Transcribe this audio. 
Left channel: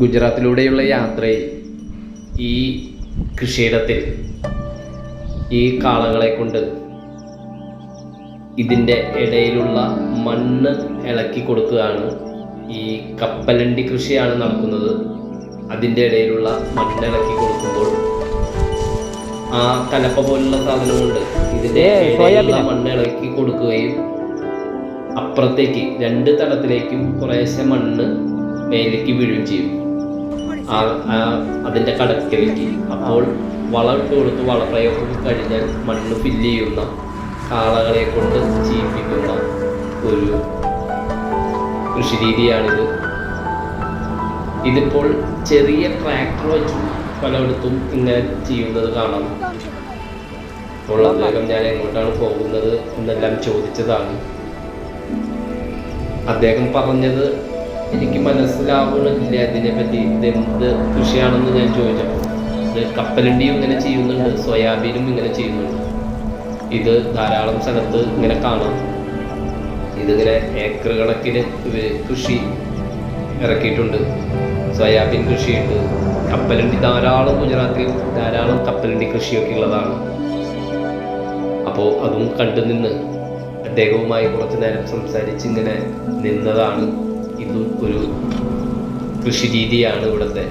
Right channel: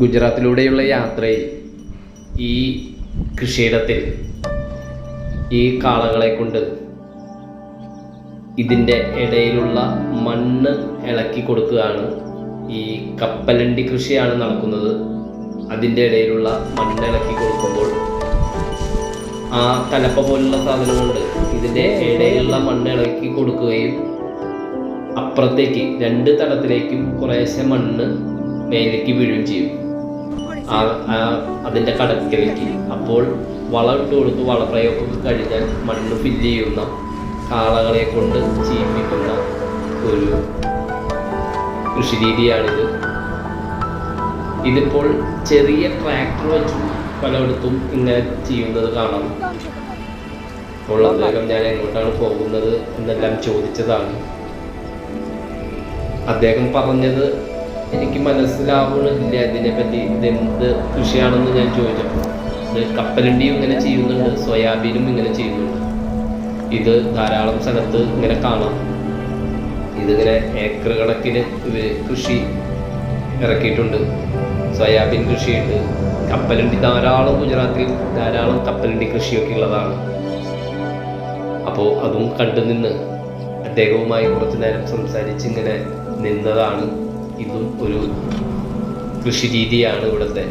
ഗുജറാത്തിലൂടെയുള്ള യാത്രയിൽ ഈ കൃഷിയിടത്തിൽ ഈ കാളകളെ കൊണ്ട് ഇതിൻ്റെ ഇടയിലുള്ള മണ്ണ് ഇളക്കി കൊടുക്കുകയാണ്. ഈ കപ്പലണ്ടി കൃഷിയാണ് നടക്കുന്നത്. അതിൻ്റെ ഇടയിലുള്ള മണ്ണ് ഇളക്കി കൊടുക്കുമ്പോൾ ആ കലപ്പ പോലുള്ള സാധനം കൊണ്ട് ഇതിൻ്റെ ഇടയിലുള്ള മണ്ണ് ഇളക്കി കൊടുക്കുകയും അപ്പുറത്തേക്ക് രണ്ട് തടത്തിലേക്കും കുറേശ്ശെ മണ്ണ് മേലേക്ക് വീഴുകയും ചെയ്യും അതിൻ്റെ കടക്കിലേക്ക്. അപ്പോൾ വളം ഇട്ട് കൊടുത്ത് വളപ്രയോഗം കഴിഞ്ഞാൽ മണ്ണ് ഫില്ല് ചെയ്യുന്ന കാളകളെ കൊണ്ട് ചെയ്യിപ്പിക്കുന്ന ഒരു കൃഷിരീതിയാണിത്. ഇതിപ്പോൾ ചെറിയ ട്രാക്ടർ വെച്ചും പലയിടത്തും ഇങ്ങനെ ചെയ്യുന്നത് കാണാം. അപ്പോൾ അദ്ദേഹം ഞാൻ എങ്ങോട്ടാണ് പോകുന്നത് എന്നെല്ലാം ചോദിച്ചതാണ്. അദ്ദേഹം പറഞ്ഞത് എനിക്ക് മനസ്സിലാവുന്നില്ല ഇതിനെപ്പറ്റി, ഇതെന്ത് കൃഷിയാണെന്ന് ഞാൻ ചോദിച്ചപ്പോൾ ഇത് കപ്പലണ്ടിയും ഇങ്ങനെ ചെയ്യുന്നുണ്ട്, സോയാബീനും ഇങ്ങനെ ചെയ്യുന്നുണ്ട്. ഇത് ധാരാളം സ്ഥലത്ത് ഇങ്ങനെ കാണാം. ഇതിങ്ങനെ ഏക്കർ കണക്കിന് കൃഷി ഇറക്കിയിട്ടുണ്ട്. സോയാബീൻ കൃഷിയുണ്ട്, കപ്പലണ്ടി ധാരാളം, ഗുജറാത്തിൽ ധാരാളം കപ്പലണ്ടി കൃഷിയൊക്കെ ഉള്ളതാണ്. അപ്പോൾ അതും കണ്ടു നിന്ന് അദ്ദേഹവുമായി കുറച്ചു നേരം സംസാരിച്ച് ഇങ്ങനെ നിന്നതാണ്. ഇതും ഒരു കൃഷി രീതിയാണ് ഇവിടുത്തെ.